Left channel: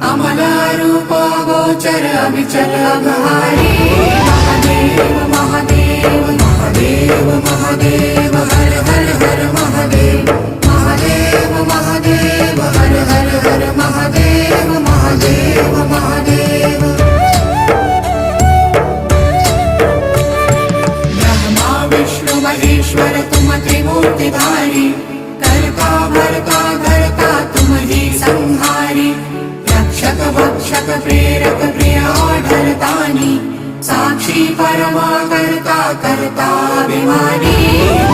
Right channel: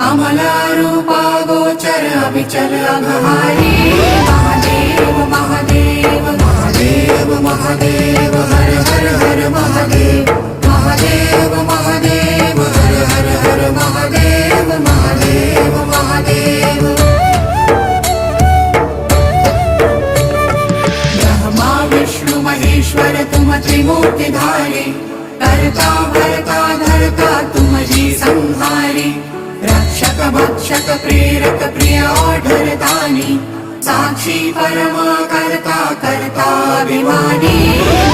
अमल रूपा गोचर अविचल अघहारी। महादेव महादेव महादेव महादेव हर हर हर महादेव। महादेव महादेव हर हर हर महादेव। महादेव महादेव ब्रह्मा विष्णु महेश्वर तुम त्रिमूर्तिधारी। करता भरता धरता तुम ही संहारी। रक्षक भक्षक प्रेरक प्रिय आढरतानी। साक्षी परमा करता करता अभिमानी।